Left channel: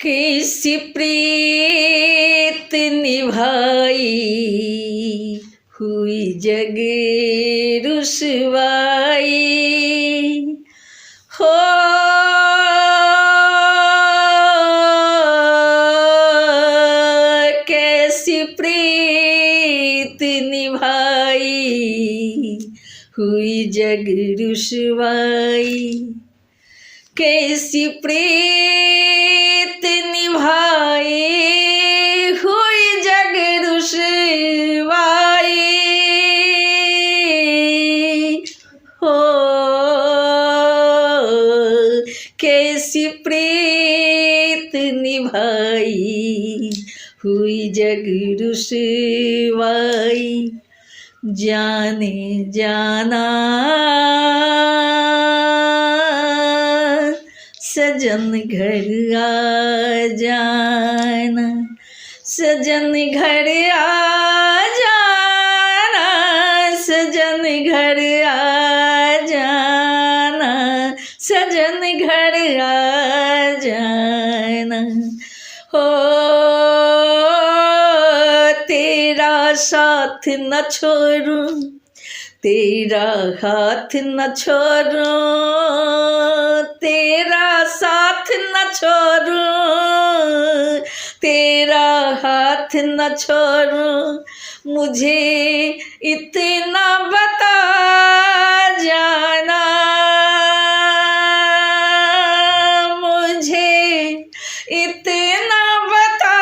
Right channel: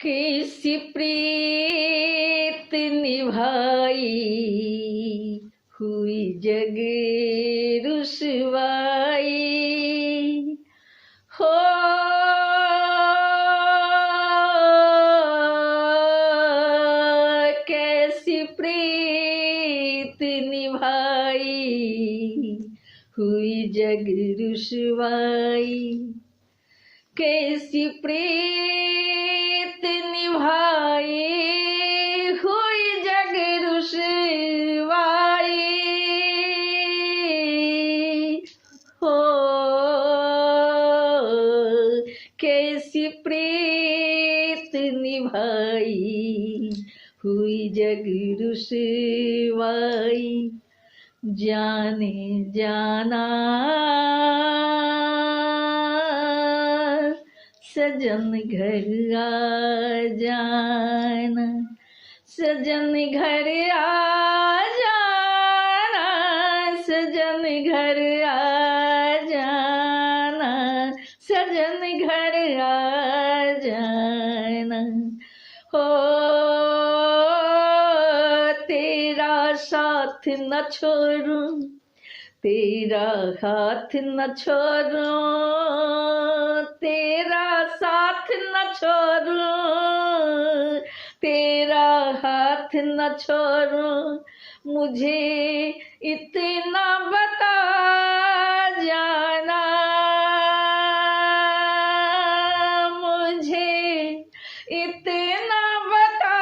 कैसी प्रीत निभाई हुई जग रुसवाई हो। कैसी प्रीत निभाई हुई जग रुसवाई। कैसी प्रीत निभाई हुई जग रुसवाई हो। कैसी प्रीत निभाई हुई जग रुसवाई। जाने जाना सजन घर आ जाना, सजन घर आ जाना, सजन घर आ जाना, सजन घर आ जाना हो। तेरा साथ न छोड़ूं, तेरा हाथ न छोड़ूं, तेरा साथ न छोड़ूं, तेरा हाथ न छोड़ूं। मुझे इतना बता जाना, मुझे इतना बता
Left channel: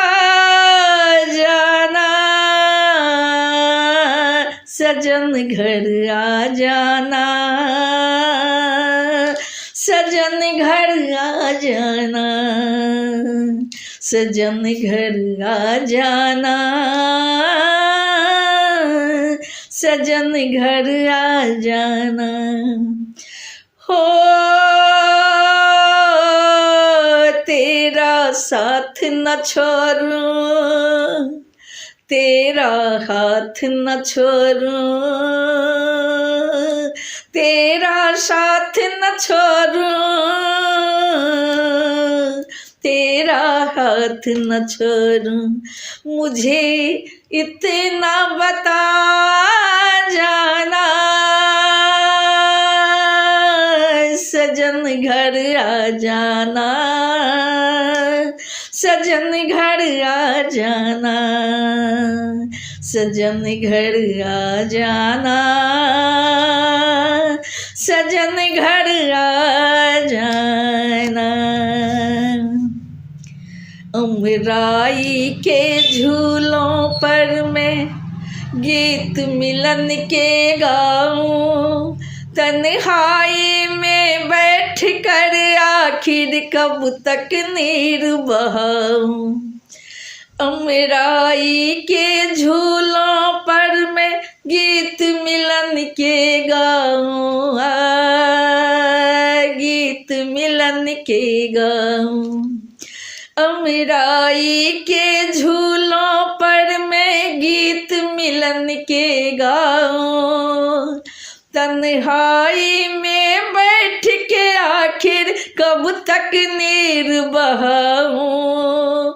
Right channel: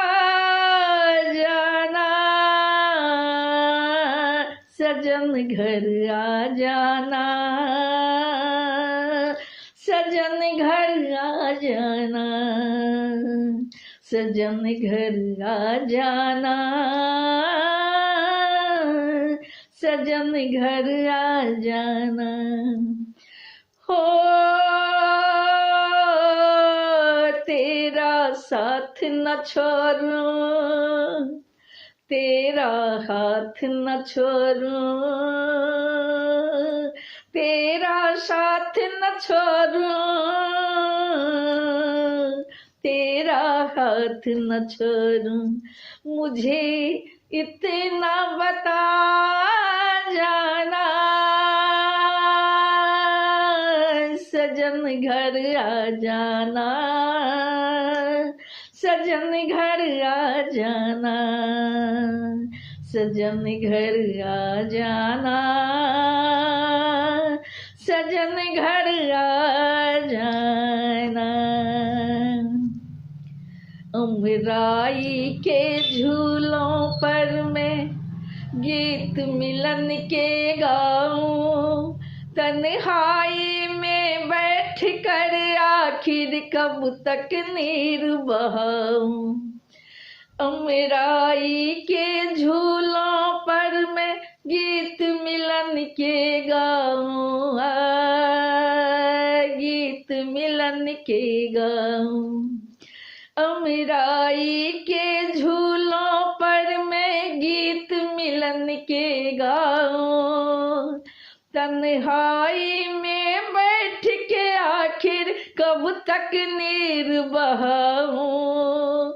जाना, सजन घर आ जाना, सजन घर आ जाना, सजन घर आ जाना, सजन घर आ जाना हो। तेरा साथ न छोड़ूं, तेरा हाथ न छोड़ूं, तेरा साथ न छोड़ूं, तेरा हाथ न छोड़ूं। मुझे इतना बता जाना, सजन घर आ जाना, सजन घर आ जाना, सजन घर आ जाना, सजन घर आ जाना। अमराई के झूलों पर मैं गीत मिलन के गाऊं, तन्हाई में बैठ कर आखिर कब तक नीर बहाऊं। अमराई के झूलों पर मैं गीत मिलन के गाऊं, गीत मिलन के गाऊं। अमराई के झूलों पर मैं गीत मिलन के गाऊं, तन्हाई में बैठ के आखिर कब तक नीर बहाऊं।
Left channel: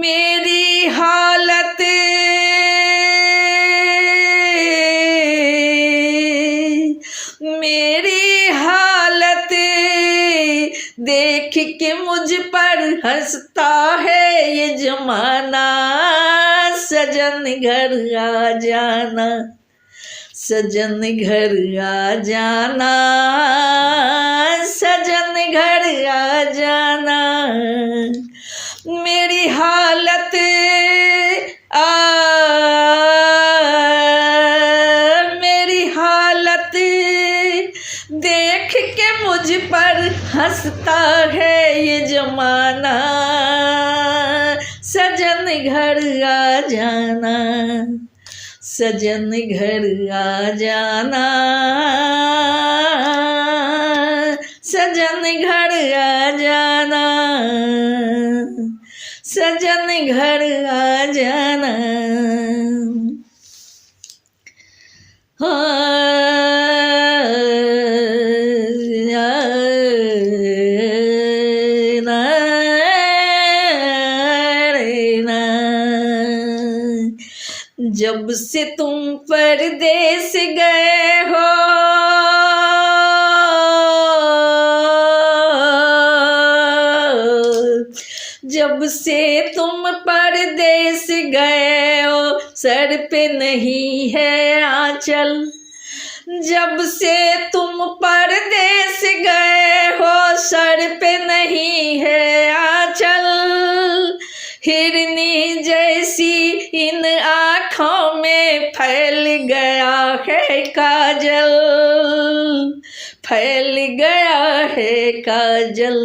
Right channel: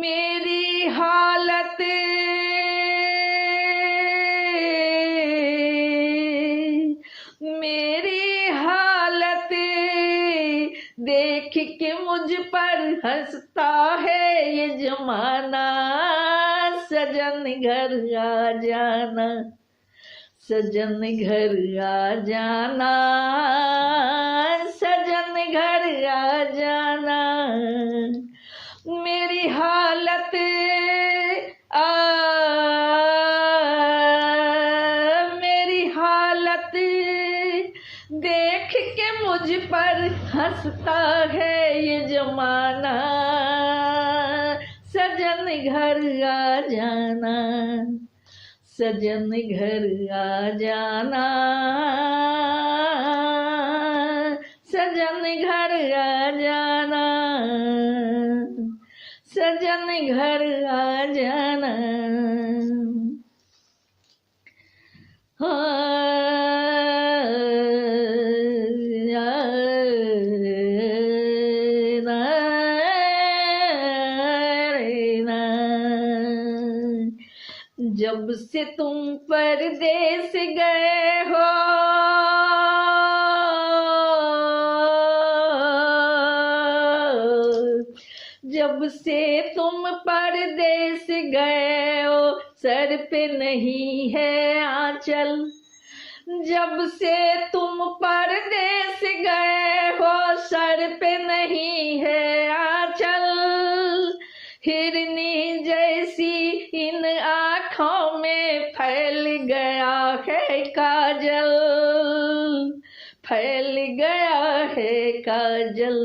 मेरी हालत मेरी हालत देख के मुझ पर हंसता है ये जमाना, सजन घर आ जाना, सजन घर आ जाना, सजन घर आ जाना। मेरी हालत मेरी हालत देख के मुझ पर हंसता है ये जमाना, सजन घर आ जाना, सजन घर आ जाना, सजन घर आ जाना, सजन घर आ जाना। जब से तुम परदेस गए हो, जब से तुम परदेस गए हो, सर पे नहीं है आंचल। जब से तुम परदेस गए हो, सर पे नहीं है आंचल। हिरनी जैसी इन आँखों में फैल गया है काजल, फैल गया है काजल।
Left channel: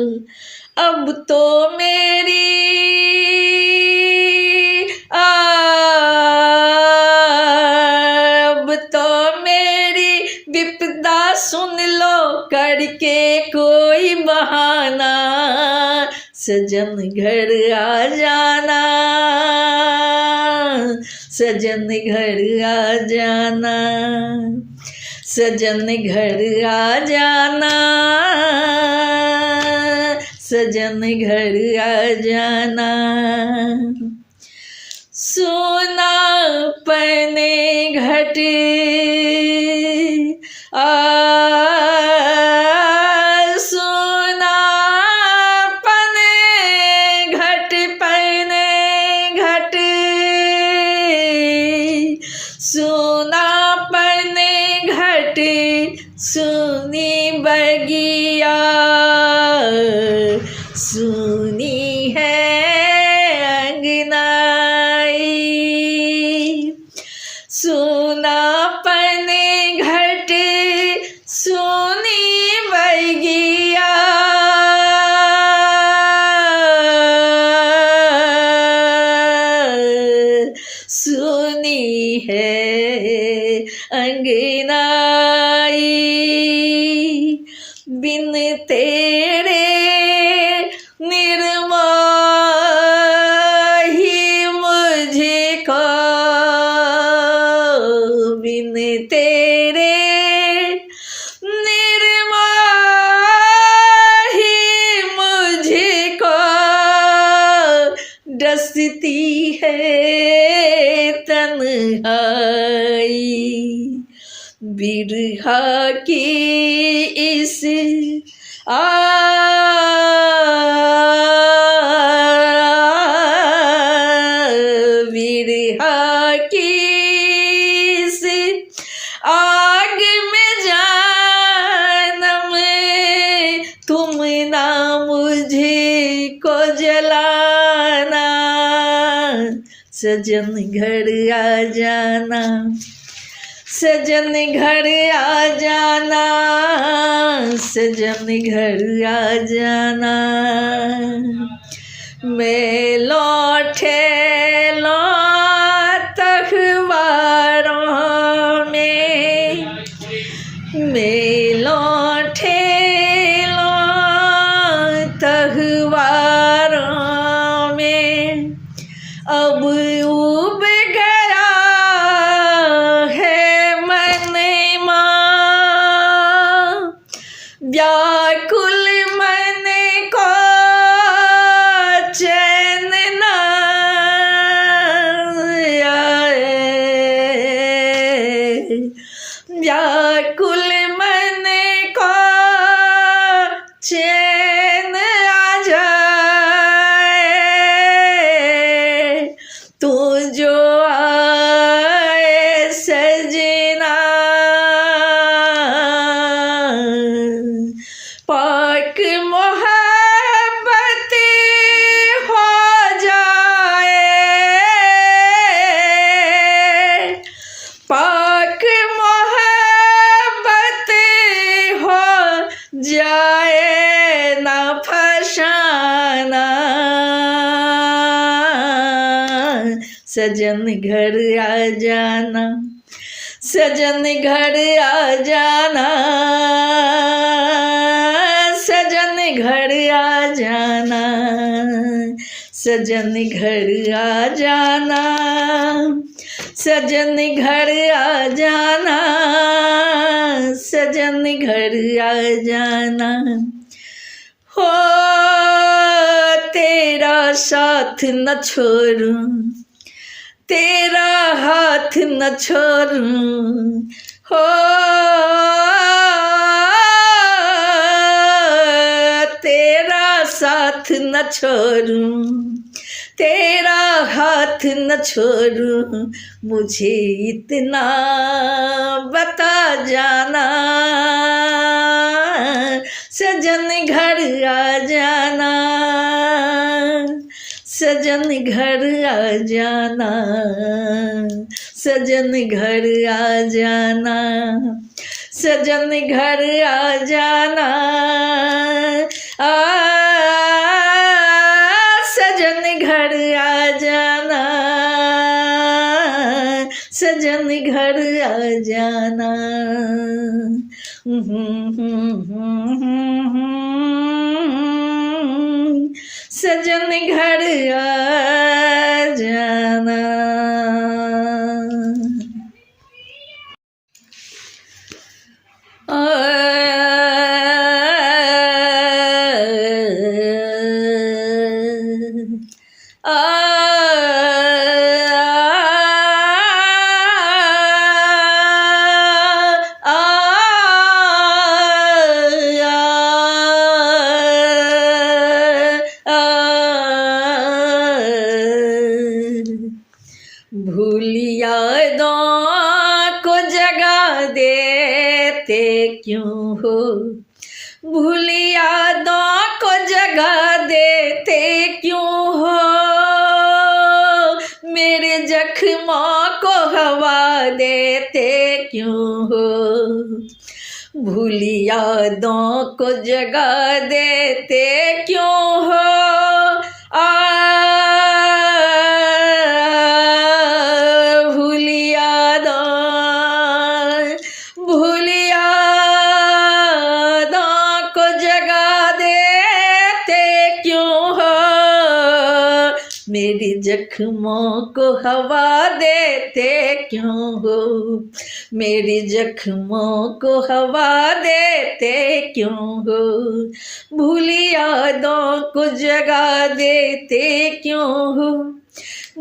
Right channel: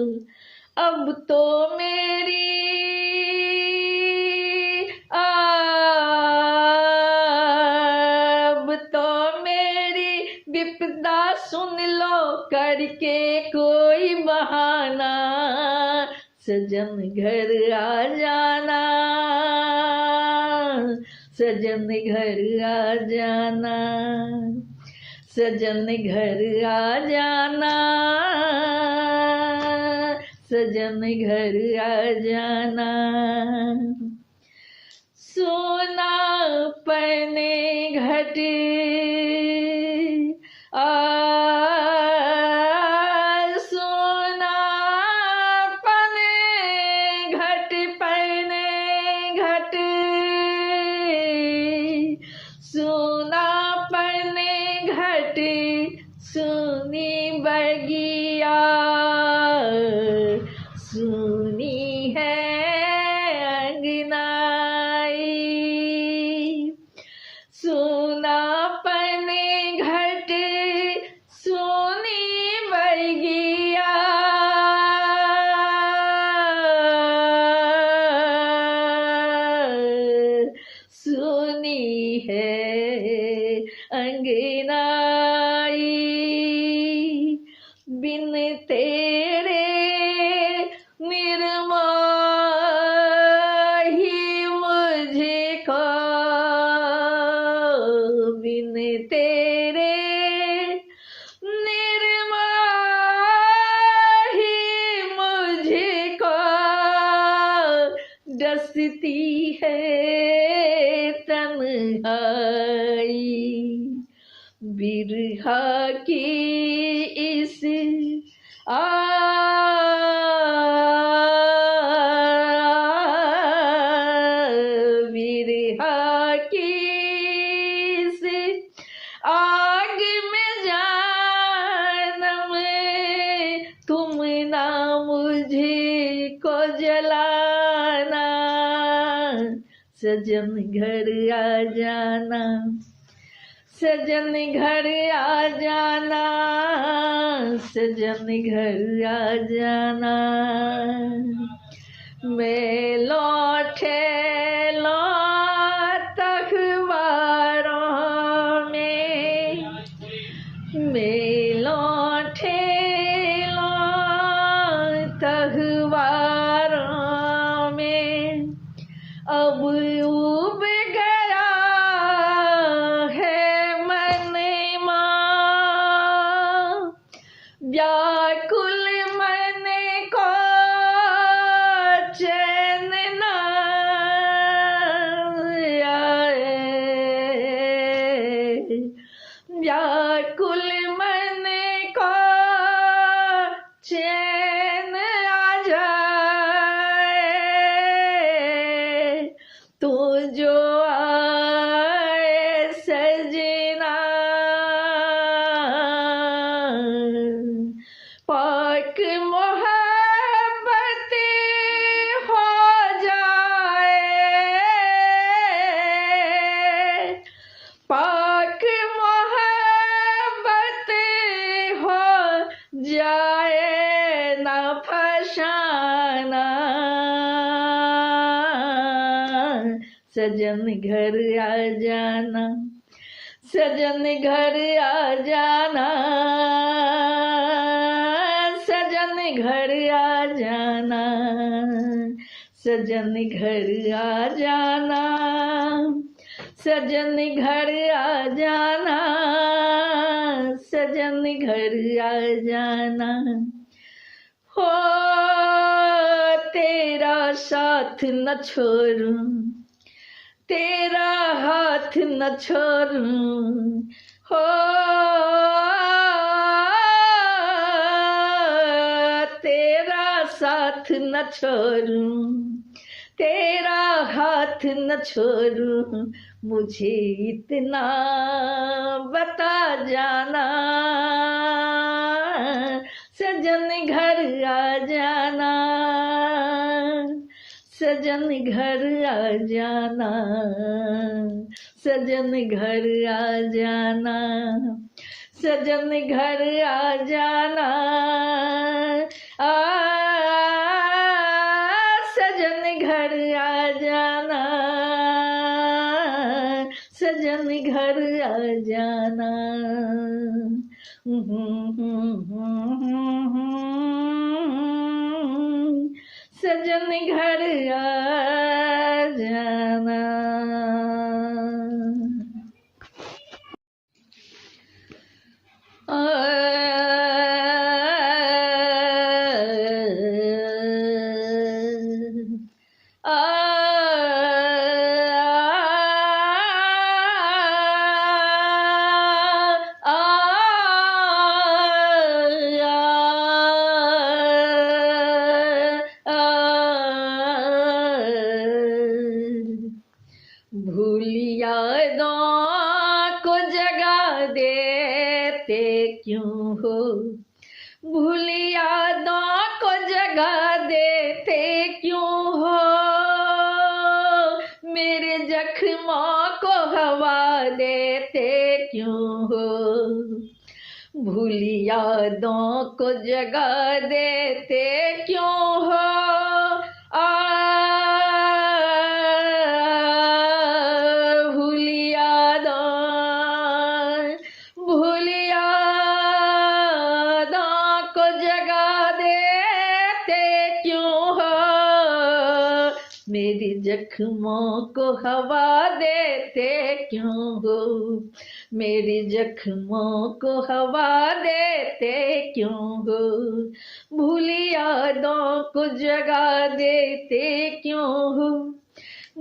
अब तो मेरी अब तो मेरी विपदा सुन लो करके कोई बहाना। सजन घर आ जाना, सजन घर आ जाना, सजन घर आ जाना, सजन घर आ जाना। सोना पने घट सोना पने घट पने घट, सोना पने घट सुनी बगिया, सुनी है अंगनाई। सोना पने घट सुनी बगिया, सुनी है अंगनाई। बिन तेरे निर्मोही मुझको, बिन तेरे निर्मोही मुझको, डसती है तन्हाई। बिरहा की इस बिरहा की इस आग में जानम तुम ना मुझे को जलाना। सजन घर आ जाना, सजन घर आ जाना, सजन घर आ जाना। मैं लौटे अखबारों में, मैं लौटे अखबारों में। अब उब गया है मन माँ, व्याकुल मन को चैन न आए, व्याकुल मन को चैन आ जाए। तू जो आए सजना, पाक मोहब्बत हो जाए, पाक मोहब्बत हो जाए ना फसाना। सजन घर आ जाना, सजन घर आ जाना, सजन घर आ जाना, सजन घर आ जाना, सजन घर आ जाना, सजन घर आ जाना। हो तेरा साथ न छोड़ूं, तेरा हाथ न छोड़ूं हो, तेरा साथ न छोड़ूं, तेरा हाथ न छोड़ूं, मुझे इतना बता जाना, सजन घर आ जाना, सजन घर आ जाना, सजन घर आ जाना, सजन घर आ जाना, सजन घर आ जाना, सजन घर आ जाना। सजन घर आ जाना। भूलिया दो को जगा देते क्यों हो, भूलिया दो को जगा देते क्यों हो, मेरे जख्मों को हवा देते क्यों हो, भूलिया दो को जगा देते क्यों हो, मेरी जख्मों को हवा देते क्यों हो, मेरी जख्मों को हवा देते क्यों हो, भूली यादों को जगा देते क्यों हो,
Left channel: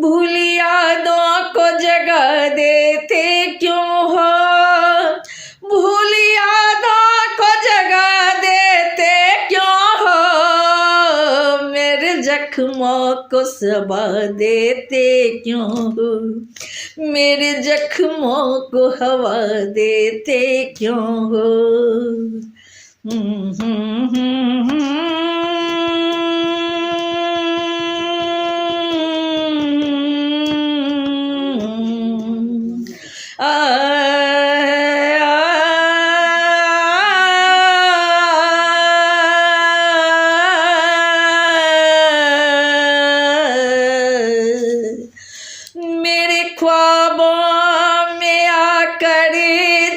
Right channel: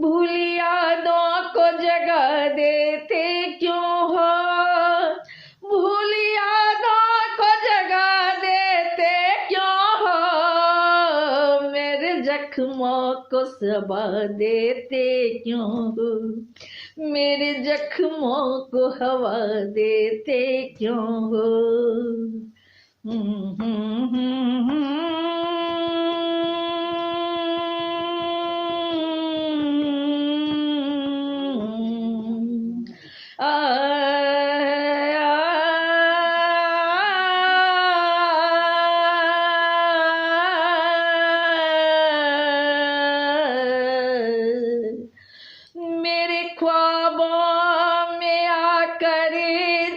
भूली यादों को जगा देते क्यों हो, भूली यादों को जगा देते क्यों हो, मेरे जख्मों को सबा देते क्यों हो, मेरे जख्मों को हवा देते क्यों हो।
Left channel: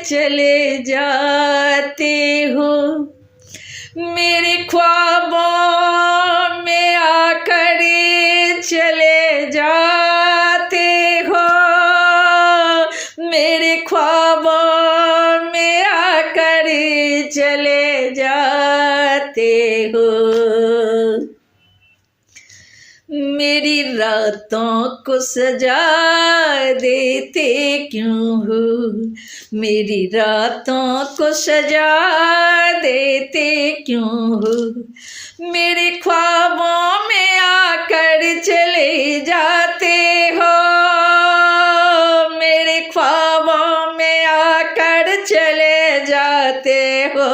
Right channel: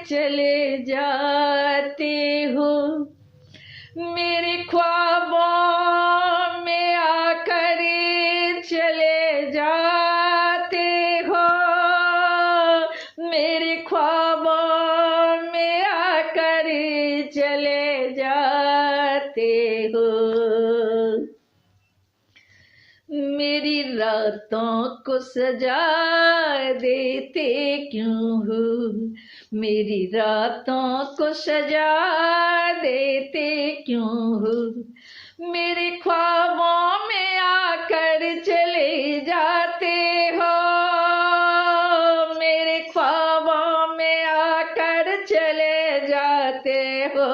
चले जाते हो, मेरे ख्वाबों में आकर चले जाते हो, मेरे ख्वाबों में आकर चले जाते हो, मेरी रातों को सजा देते क्यों हो, मेरी रातों को सजा देते क्यों हो, मेरे ख्वाबों में आकर चले जाते हो, मेरे ख्वाबों में आकर चले जाते हो,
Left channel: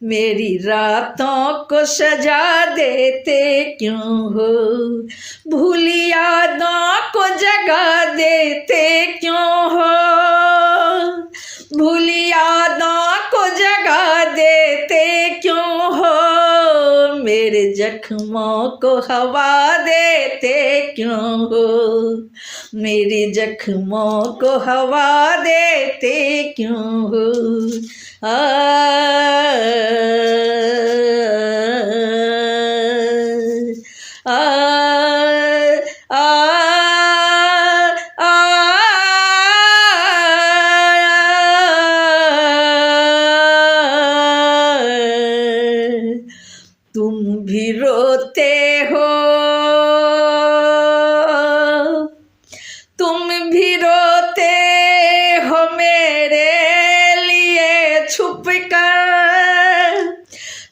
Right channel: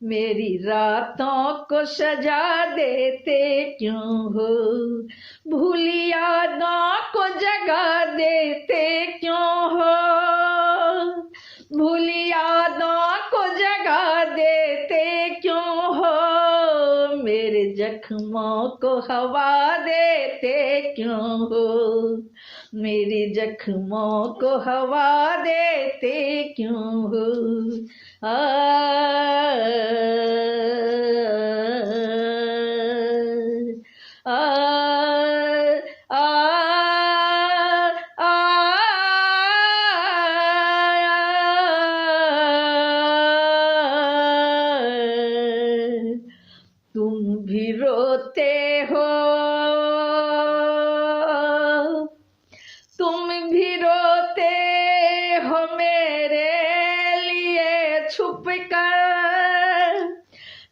मेरी रातों को सजा देते क्यों हो, भूली यादों को जगा देते क्यों हो, भूली यादों को जगा देते क्यों हो, मेरे जख्मों को हवा देते क्यों हो, मेरे जख्मों को हवा देते क्यों हो। तुम भी रोते हो छुप कर,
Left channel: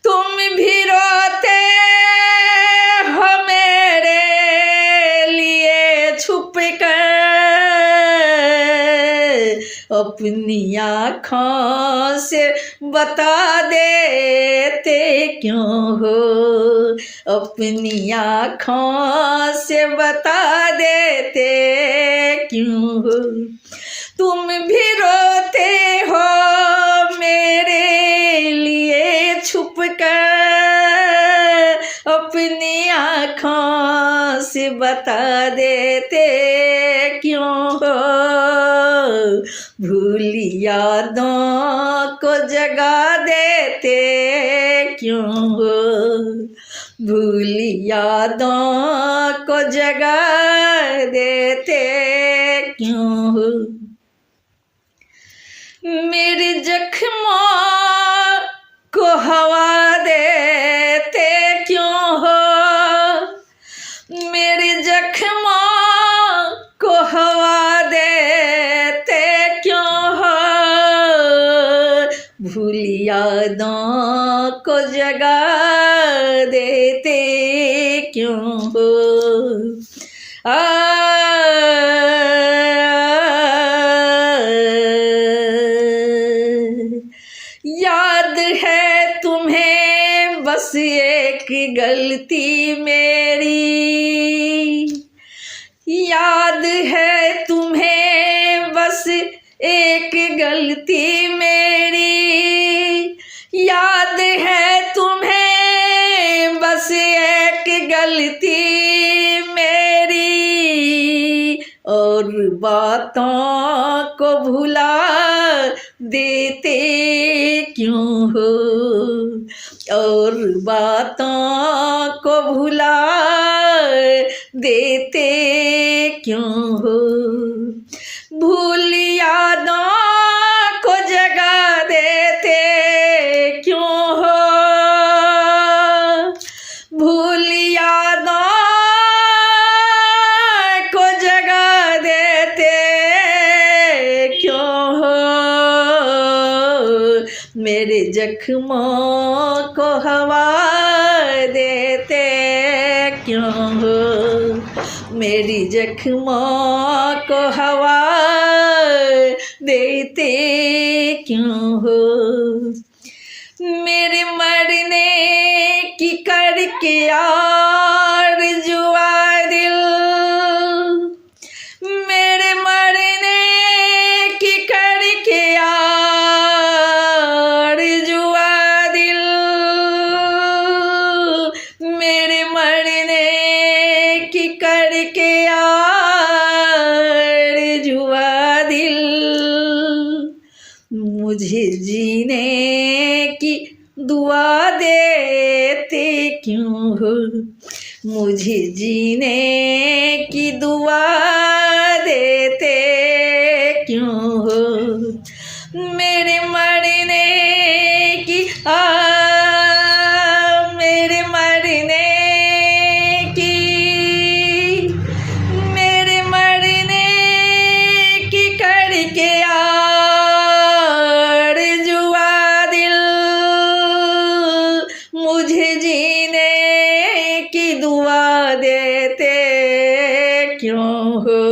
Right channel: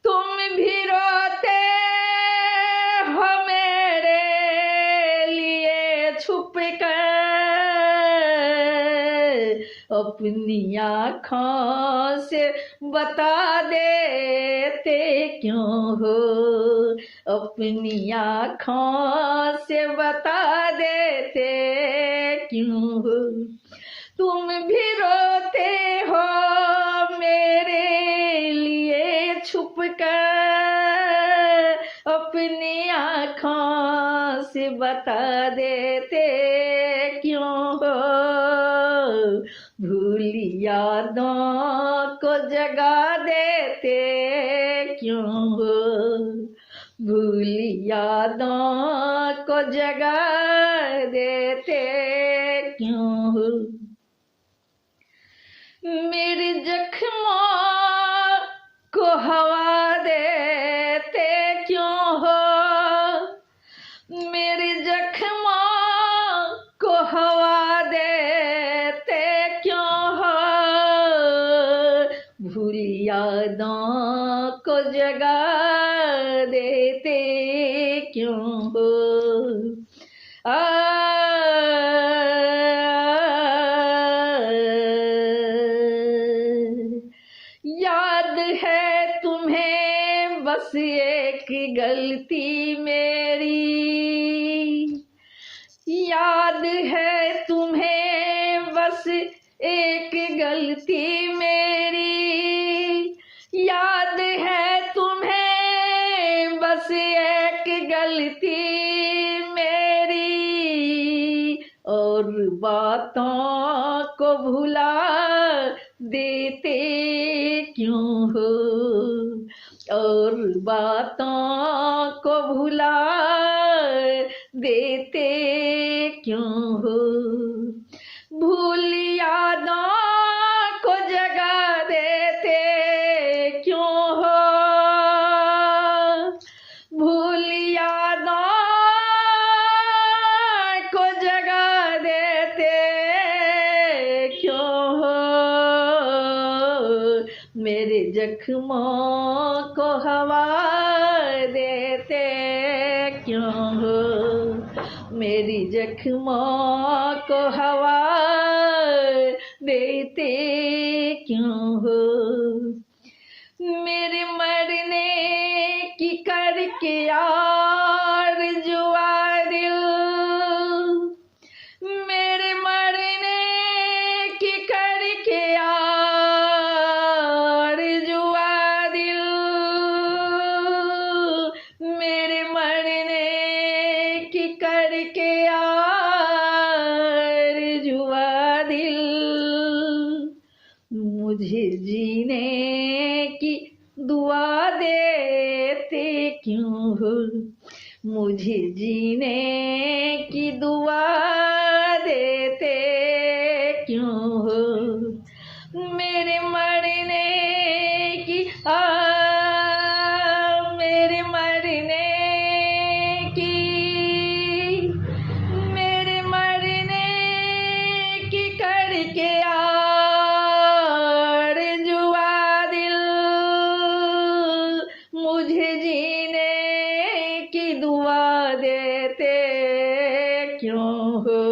तुम भी रोते हो मेरे लिए छुप कर, अपनी आँखों से बता देते क्यों हो, अपनी आँखों से बता देते क्यों हो, तुम भी रोते हो मेरे लिए छुप कर, अपनी आँखों से बता देते क्यों हो, भूल यादों को जगा देते क्यों हो, भूल यादों को जगा देते क्यों हो, मेरे जख्मों को हवा देते क्यों हो, मेरे जख्मों को हवा देते क्यों हो, भूल यादों को जगा देते क्यों हो, याद है तुम्हें बस एक गलती मेरी, याद है तुम्हें बस एक गलती मेरी, याद है तुम्हें बस एक गलती मेरी, और बातों को भुला देते क्यों हो, और बातों को भुला देते क्यों हो, भूल यादों को जगा देते क्यों हो, भूल यादों को जगा देते क्यों हो, मेरे जख्मों को हवा देते क्यों हो, मेरी जख्मों को हवा देते क्यों हो, मेरे मरने की करके आरज़ुआ दिल, मेरे मरने की करके आरज़ुआ दिल, मेरे मरने की करके आरज़ुआ दिल, मुझे जीने की दुआ देते क्यों हो, मुझे जीने की दुआ देते क्यों हो, मेरे मरने की मेरे मरने की, मेरे मरने की करके आरज़ुआ दिल, मुझे जीने की दुआ देते क्यों हो,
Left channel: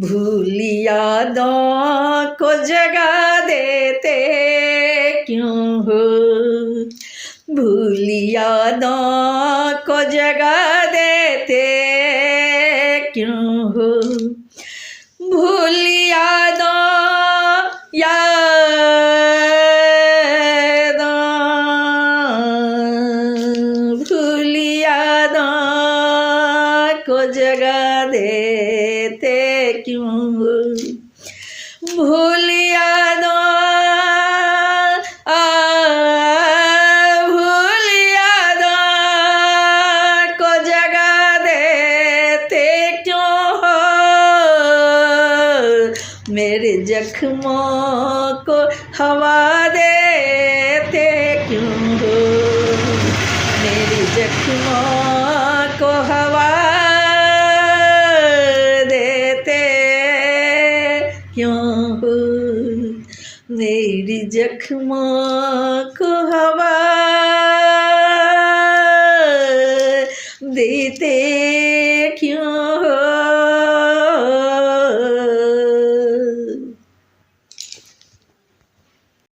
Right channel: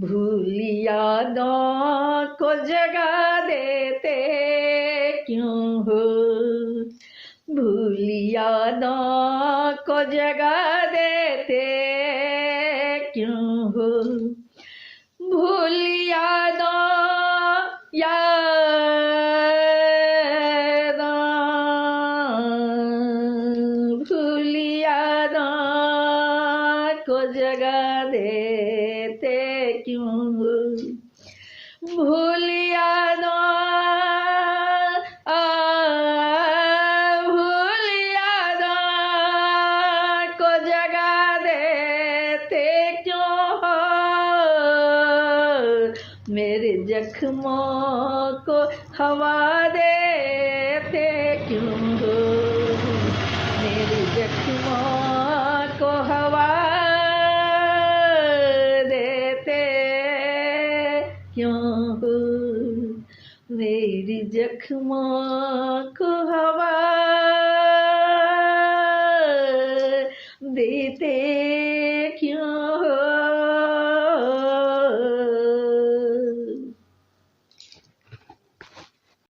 भूल यादों को जगा देते क्यों हो, भूल यादों को जगा देते क्यों हो, भूल यादों भूल यादों को जगा देते क्यों हो, भूल यादों भूल यादों को जगा देते क्यों हो, मेरे जख्मों को हवा देते क्यों हो, मेरे जख्मों को हवा देते क्यों हो, मेरी जख्मों को हवा देते